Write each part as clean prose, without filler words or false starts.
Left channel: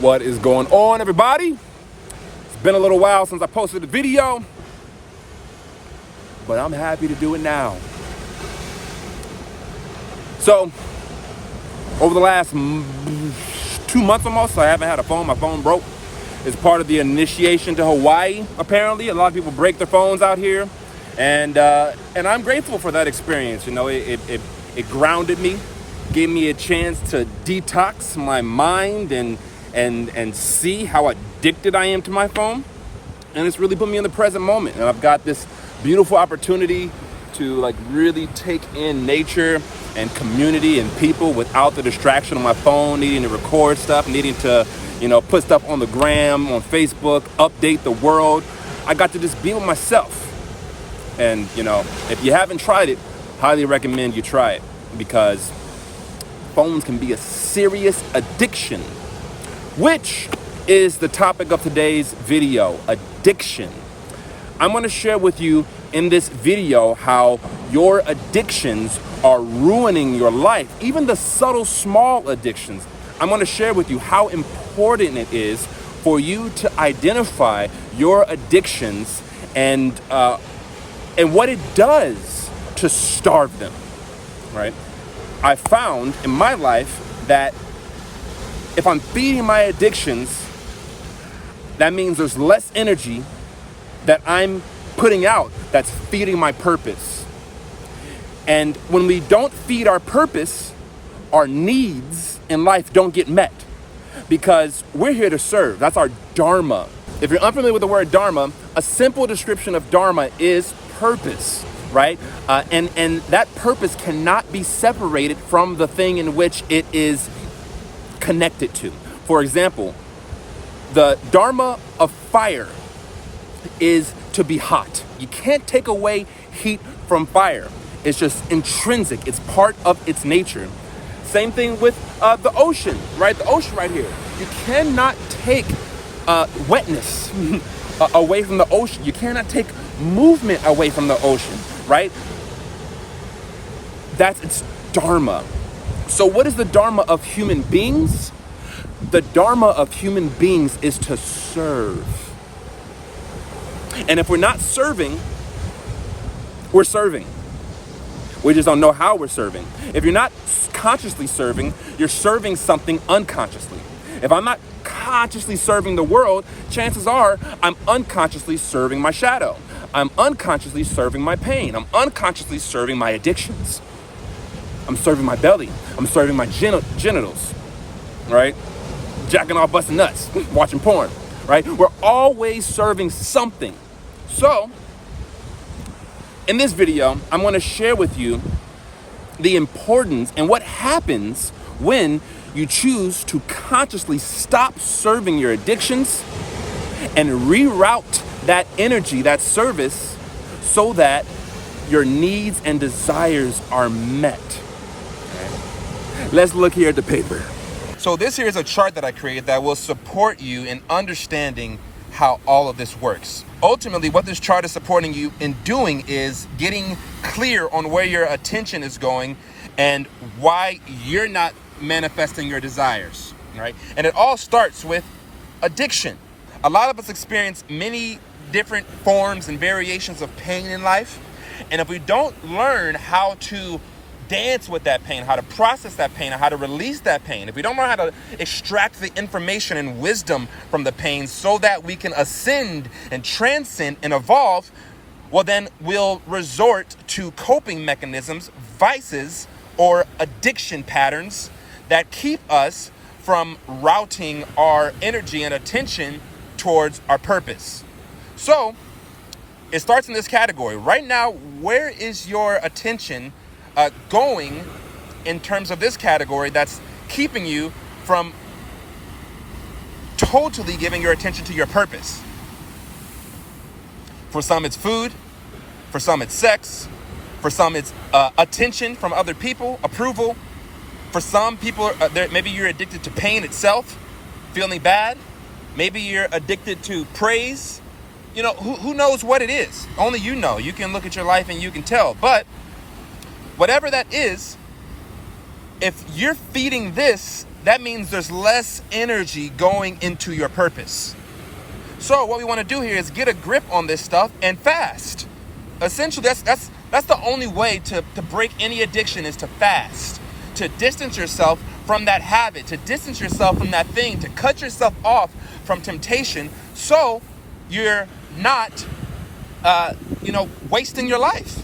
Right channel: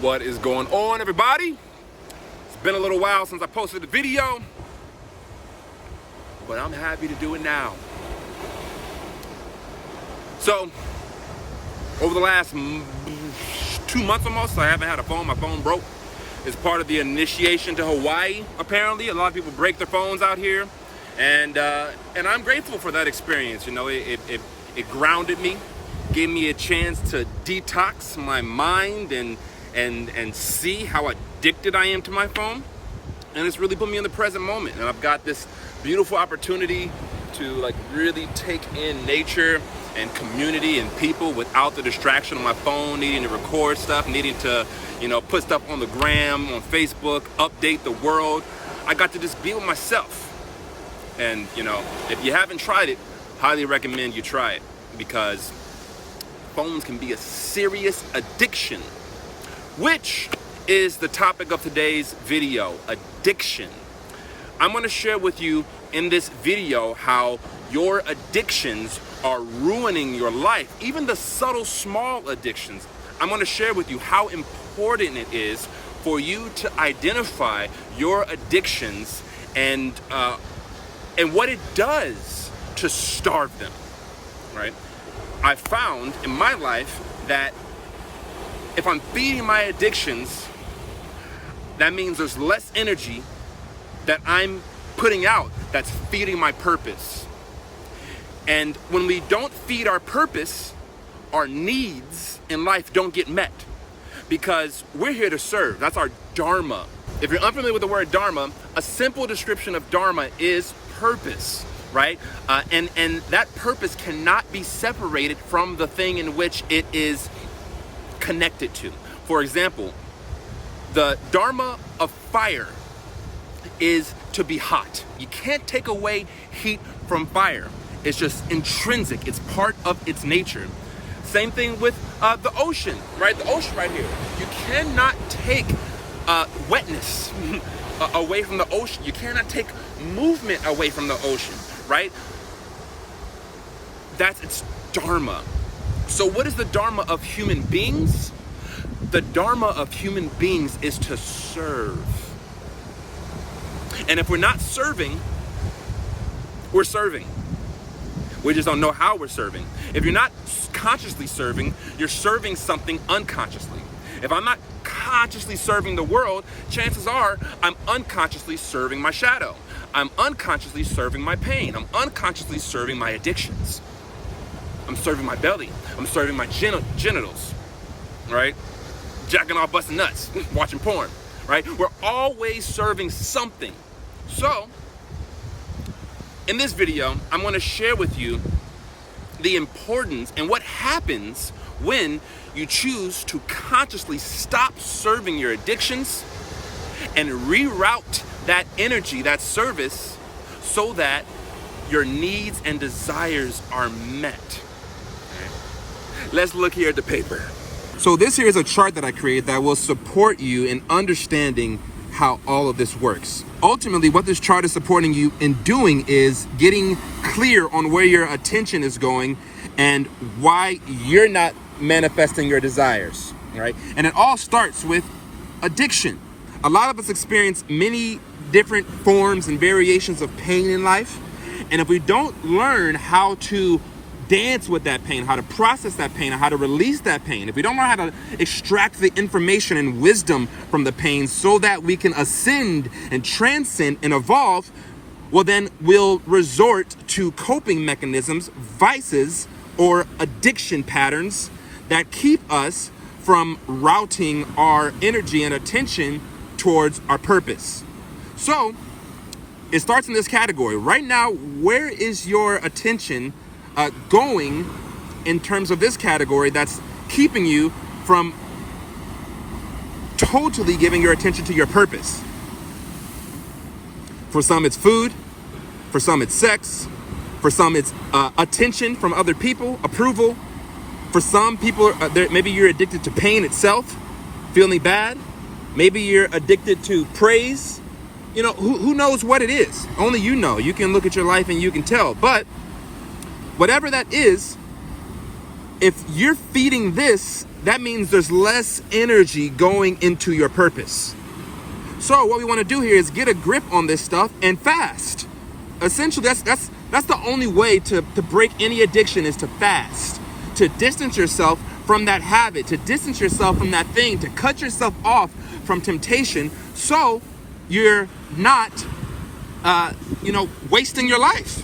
What is going on, everybody? It's been a little while since I posted a video, but I'm happy to do it now. So, over the last 2 months almost, I haven't had a phone. My phone broke. It's part of the initiation to Hawaii, apparently. A lot of people break their phones out here. And I'm grateful for that experience. You know, it grounded me, gave me a chance to detox my mind and see how addicted I am to my phone. And it's really put me in the present moment. And I've got this beautiful opportunity to like really take in nature and community and people without the distraction of my phone, needing to record stuff, needing to, put stuff on the gram, on Facebook, update the world. I got to just be with myself. And, if you haven't tried it, highly recommend you try it, because phones can be a serious addiction, which is the topic of today's video, addiction. I'm going to share with you in this video how your addictions are ruining your life, even the subtle, small addictions. I'm going to share with you how important it is for you to identify your addictions and what it does to starve them, right? I found in my life that if I'm feeding my addictions, that means there's less energy that I'm putting out that's feeding my purpose. And when we don't feed our purpose, our needs in life don't get met, because we're here to serve. That's our dharma. If you're unfamiliar with the word dharma, a simple description of dharma is purpose, right? And that purpose cannot be separated from the thing in which it is connected to. For example, the dharma of fire is to be hot. You can't take away heat from fire. It's just intrinsic. It's part of its nature. Same thing with the ocean, right? The ocean right here. You cannot take wetness away from the ocean. You cannot take movement away from the ocean, right? That's its dharma. So what is the dharma of human beings? The dharma of human beings is to serve. And if we're not serving, we're serving. We just don't know how we're serving. If you're not consciously serving, you're serving something unconsciously. If I'm not consciously serving the world, chances are I'm unconsciously serving my shadow. I'm unconsciously serving my pain. I'm unconsciously serving my addictions. I'm serving my belly. I'm serving my genitals, right? Jacking off, busting nuts, watching porn, right? We're always serving something. So, in this video, I'm going to share with you the importance and what happens when you choose to consciously stop serving your addictions and reroute that energy, that service, so that your needs and desires are met. Okay. Let's look here at the paper. So this here is a chart that I created that will support you in understanding how all of this works. Ultimately, what this chart is supporting you in doing is getting clear on where your attention is going and why you're not manifesting your desires, right? And it all starts with addiction. A lot of us experience many different forms and variations of pain in life. And if we don't learn how to dance with that pain, how to process that pain, and how to release that pain, if we don't learn how to extract the information and wisdom from the pain so that we can ascend and transcend and evolve, well, then we'll resort to coping mechanisms, vices, or addiction patterns that keep us from routing our energy and attention towards our purpose. So it starts in this category. Right now, where is your attention going in terms of this category that's keeping you from totally giving your attention to your purpose? For some, it's food. For some, it's sex. For some, it's attention from other people, approval. For some people, maybe you're addicted to pain itself, feeling bad. Maybe you're addicted to praise. Who knows what it is? Only you know. You can look at your life and you can tell. But whatever that is, if you're feeding this, that means there's less energy going into your purpose. So what we want to do here is get a grip on this stuff and fast. Essentially, that's the only way to break any addiction, is to fast, to distance yourself from that habit, to distance yourself from that thing, to cut yourself off from temptation, so you're not, wasting your life,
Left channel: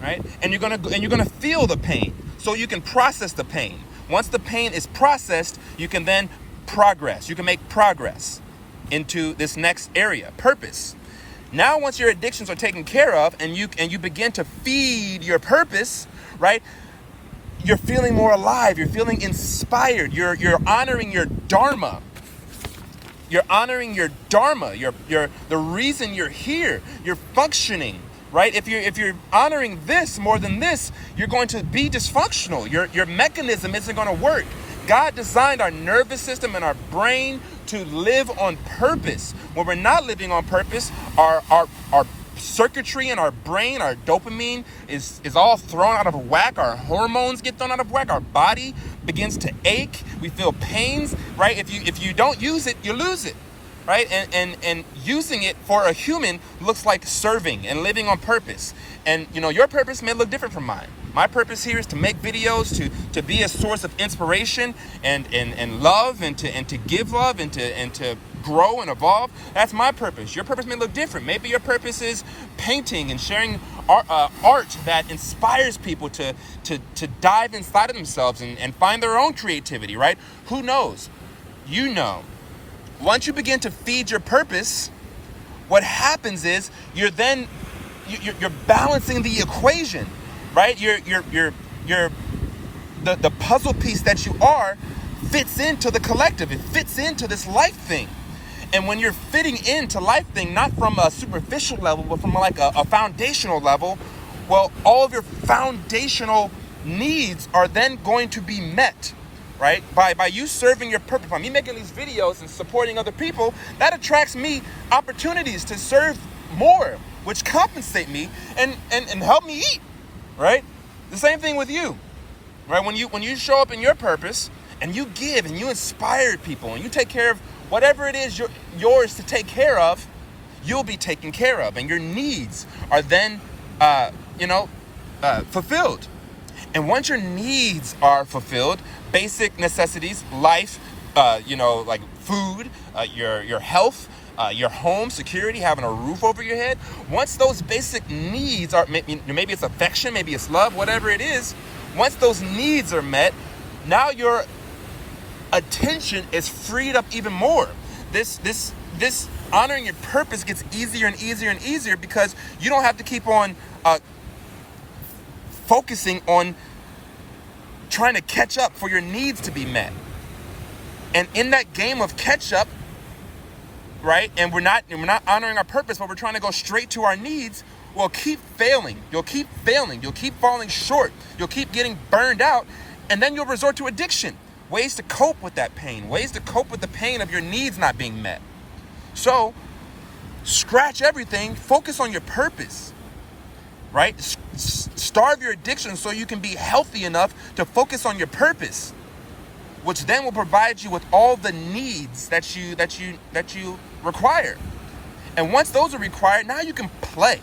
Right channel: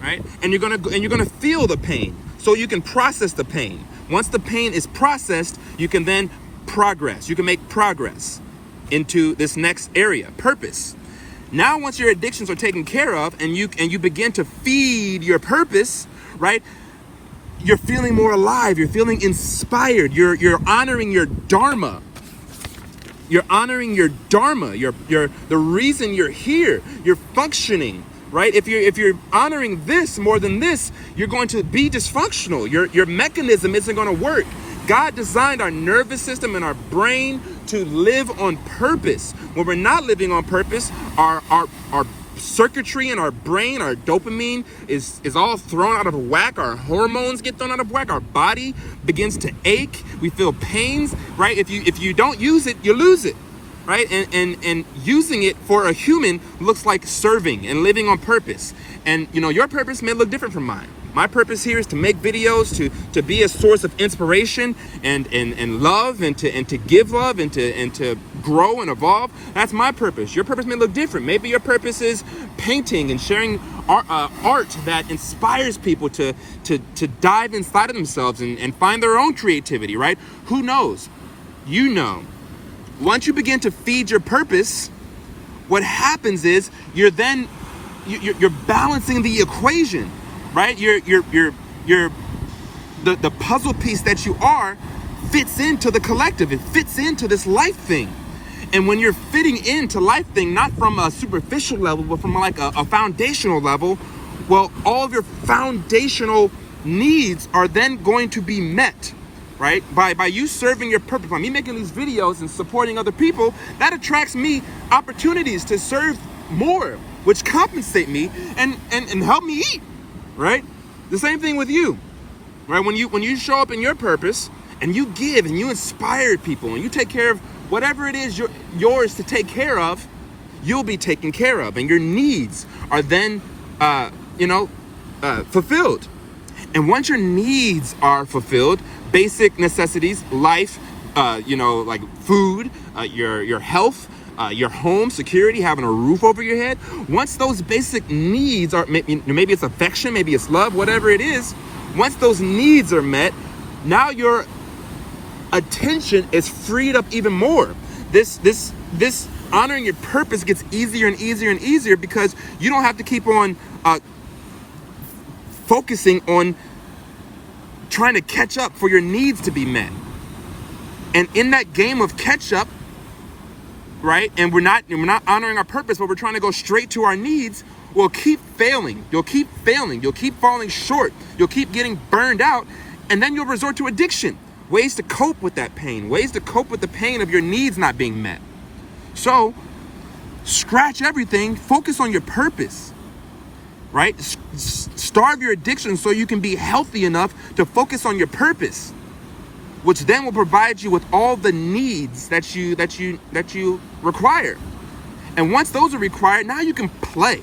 right? And you're gonna feel the pain, so you can process the pain. Once the pain is processed, you can then progress. You can make progress into this next area, purpose. Now, once your addictions are taken care of, and you begin to feed your purpose, right? You're feeling more alive. You're feeling inspired. You're honoring your dharma. You're honoring your dharma. The reason you're here. You're functioning, right? If you're honoring this more than this, you're going to be dysfunctional. Your mechanism isn't going to work. God designed our nervous system and our brain to live on purpose. When we're not living on purpose, our circuitry in our brain, our dopamine is all thrown out of whack. Our hormones get thrown out of whack. Our body begins to ache. We feel pains, right? If you don't use it, you lose it, right? And using it for a human looks like serving and living on purpose. And your purpose may look different from mine. My purpose here is to make videos, to be a source of inspiration and love, and to give love, and to grow and evolve. That's my purpose. Your purpose may look different. Maybe your purpose is painting and sharing art that inspires people to dive inside of themselves and find their own creativity, right? Who knows? Once you begin to feed your purpose, what happens is you're balancing the equation. Right, the puzzle piece that you are fits into the collective. It fits into this life thing, and when you're fitting into life thing, not from a superficial level, but from like a foundational level, well, all of your foundational needs are then going to be met, right? By you serving your purpose, by me making these videos and supporting other people, that attracts me opportunities to serve more, which compensate me and help me eat. Right? The same thing with you, right? When you show up in your purpose and you give and you inspire people and you take care of whatever it is yours to take care of, you'll be taken care of, and your needs are then, fulfilled. And once your needs are fulfilled, basic necessities, life, like food, your health, your home, security, having a roof over your head. Once those basic needs are, maybe it's affection, maybe it's love, whatever it is, once those needs are met, now your attention is freed up even more. This honoring your purpose gets easier and easier and easier, because you don't have to keep on focusing on trying to catch up for your needs to be met. And in that game of catch up, right? And we're not honoring our purpose, but we're trying to go straight to our needs. We'll keep failing. You'll keep failing. You'll keep falling short. You'll keep getting burned out. And then you'll resort to addiction. Ways to cope with that pain. Ways to cope with the pain of your needs not being met. So, scratch everything. Focus on your purpose, right? Starve your addiction so you can be healthy enough to focus on your purpose, which then will provide you with all the needs that you require. And once those are required, now you can play.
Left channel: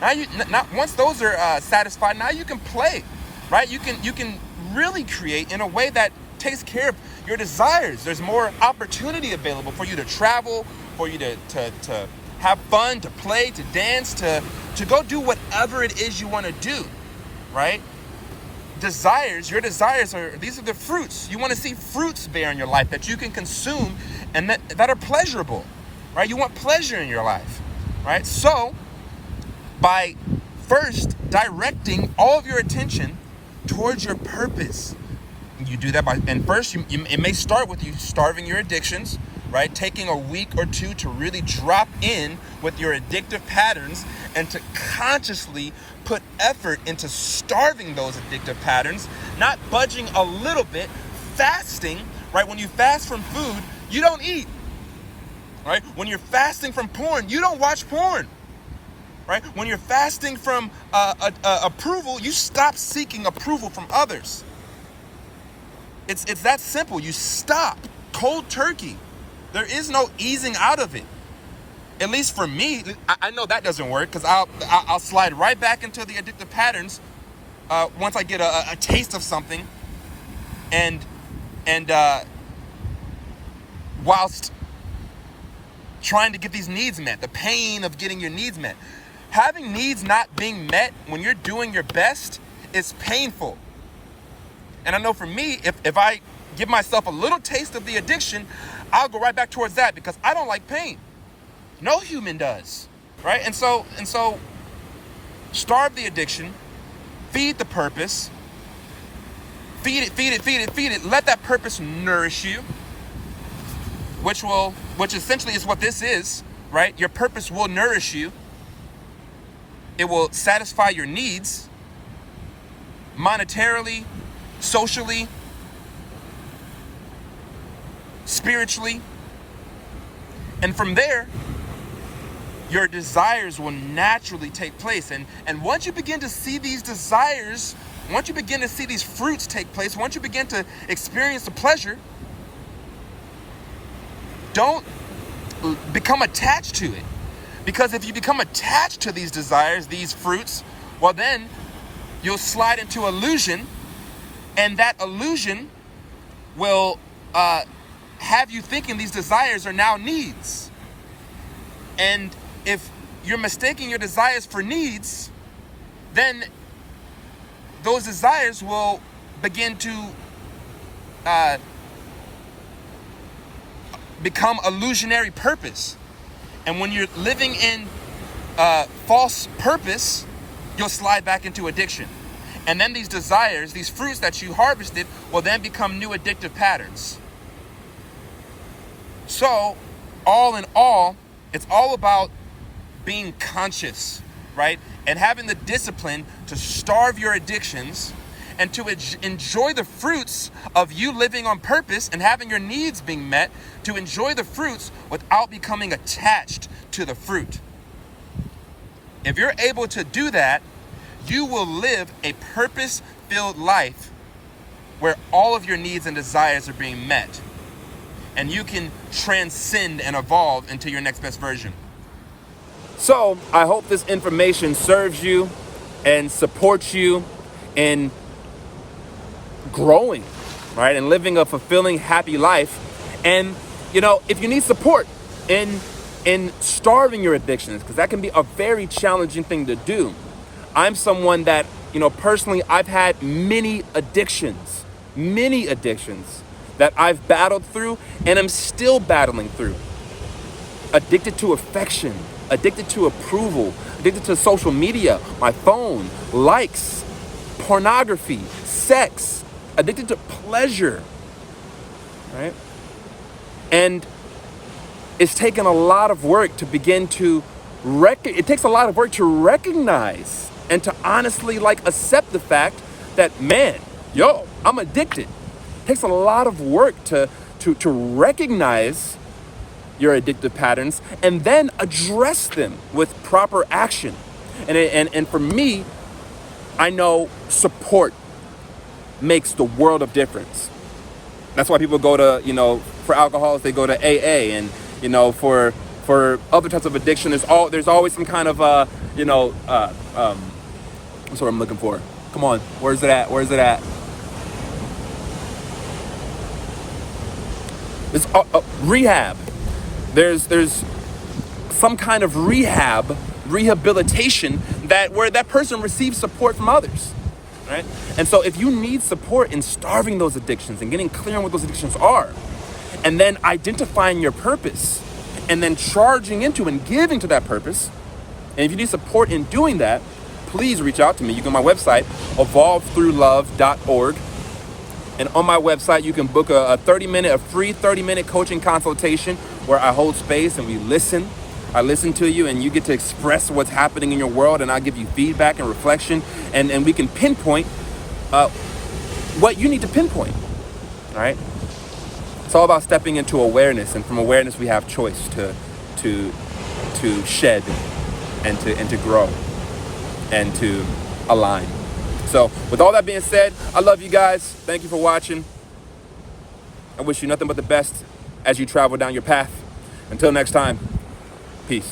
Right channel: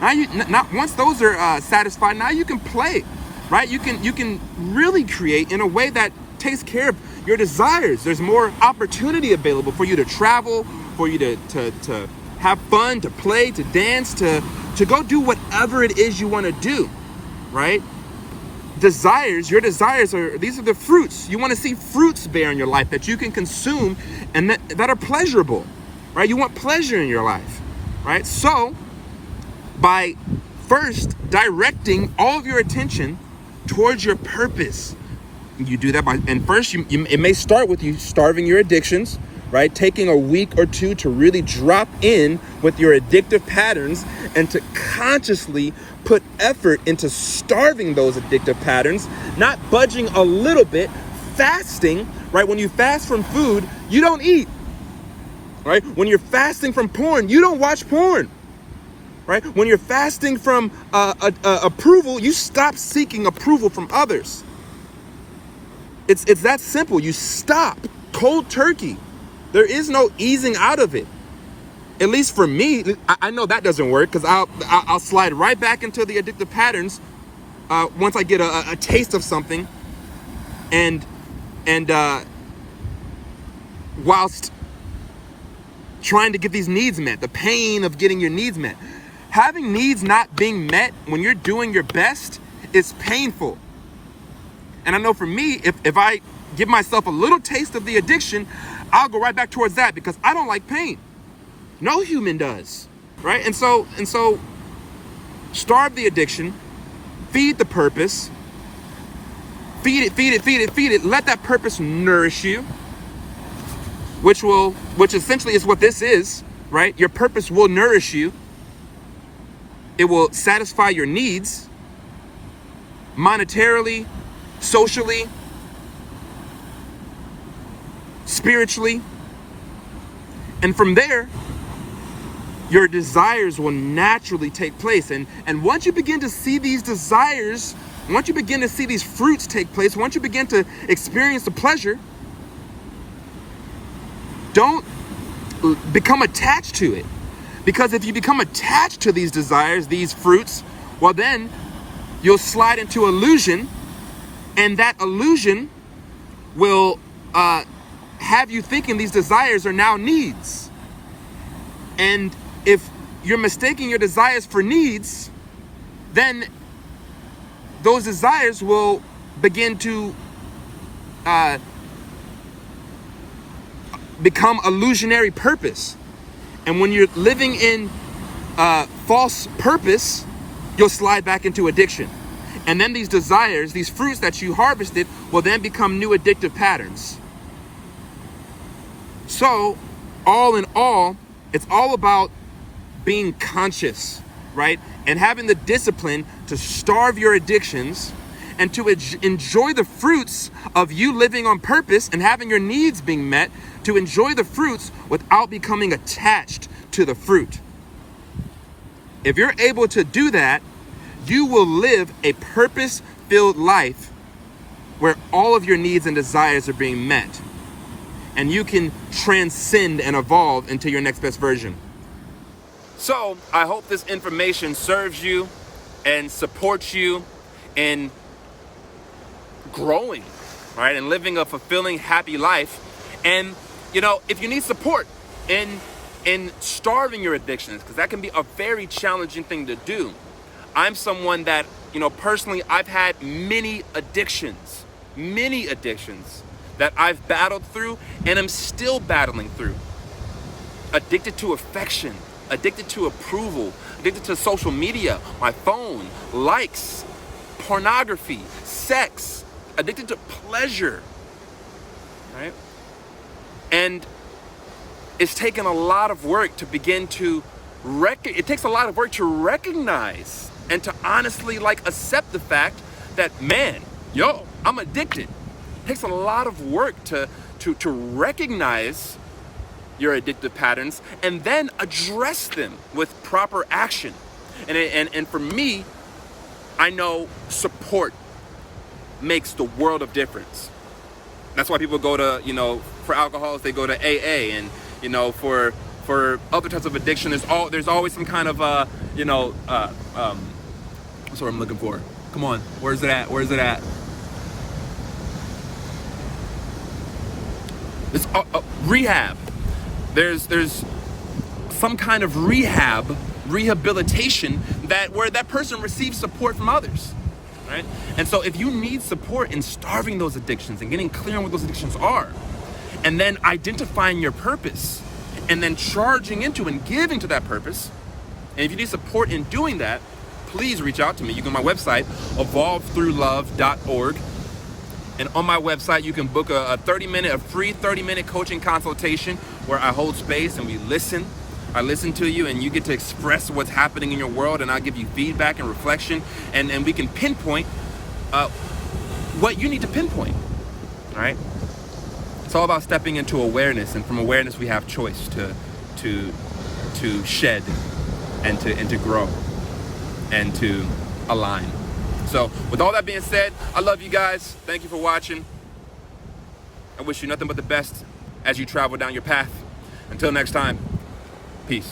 Once those are satisfied, now you can play, right? You can really create in a way that takes care of your desires. There's more opportunity available for you to travel, for you to have fun, to play, to dance, to go do whatever it is you want to do, right? Your desires these are the fruits. You want to see fruits bear in your life that you can consume and that are pleasurable, right? You want pleasure in your life, right? So by first directing all of your attention towards your purpose, you do that it may start with you starving your addictions, right? Taking a week or two to really drop in with your addictive patterns and to consciously put effort into starving those addictive patterns, not budging a little bit, fasting, right? When you fast from food, you don't eat, right? When you're fasting from porn, you don't watch porn, right? When you're fasting from approval, you stop seeking approval from others. It's that simple. You stop cold turkey. There is no easing out of it. At least for me, I know that doesn't work, because I'll slide right back into the addictive patterns once I get a taste of something, and whilst trying to get these needs met, the pain of getting your needs met. Having needs not being met when you're doing your best is painful. And I know for me, if I give myself a little taste of the addiction, I'll go right back towards that, because I don't like pain. No human does, right? And so starve the addiction, feed the purpose, feed it. Let that purpose nourish you, which essentially is what this is, right? Your purpose will nourish you. It will satisfy your needs monetarily, socially, spiritually. And from there, your desires will naturally take place. And once you begin to see these desires, once you begin to see these fruits take place, once you begin to experience the pleasure, don't become attached to it. Because if you become attached to these desires, these fruits, well then you'll slide into illusion, and that illusion will have you thinking these desires are now needs. And if you're mistaking your desires for needs, then those desires will begin to become illusionary purpose. And when you're living in false purpose, you'll slide back into addiction. And then these desires, these fruits that you harvested, will then become new addictive patterns. So, all in all, it's all about being conscious, right? And having the discipline to starve your addictions and to enjoy the fruits of you living on purpose and having your needs being met, to enjoy the fruits without becoming attached to the fruit. If you're able to do that, you will live a purpose-filled life where all of your needs and desires are being met. And you can transcend and evolve into your next best version. So I hope this information serves you and supports you in growing, right? And living a fulfilling, happy life. And, you know, if you need support in starving your addictions, because that can be a very challenging thing to do. I'm someone that, you know, personally, I've had many addictions that I've battled through and I'm still battling through. Addicted to affection, addicted to approval, addicted to social media, my phone, likes, pornography, sex, addicted to pleasure, right? And it's taken a lot of work to begin to it takes a lot of work to recognize and to honestly accept the fact that, man, I'm addicted. It takes a lot of work to recognize your addictive patterns and then address them with proper action. And for me, I know support makes the world of difference. That's why people go to, for alcoholics, they go to AA, and, for other types of addiction, there's always some kind of, what's what I'm looking for? Come on, where's it at? It's rehab. There's some kind of rehabilitation where that person receives support from others, right? And so if you need support in starving those addictions and getting clear on what those addictions are, and then identifying your purpose, and then charging into and giving to that purpose, and if you need support in doing that, please reach out to me. You can go to my website, evolvethroughlove.org. And on my website, you can book a free 30-minute coaching consultation where I hold space and we listen. I listen to you and you get to express what's happening in your world, and I'll give you feedback and reflection, and we can pinpoint what you need to pinpoint, all right? It's all about stepping into awareness, and from awareness we have choice to shed and to grow and to align. So with all that being said, I love you guys. Thank you for watching. I wish you nothing but the best as you travel down your path. Until next time, peace.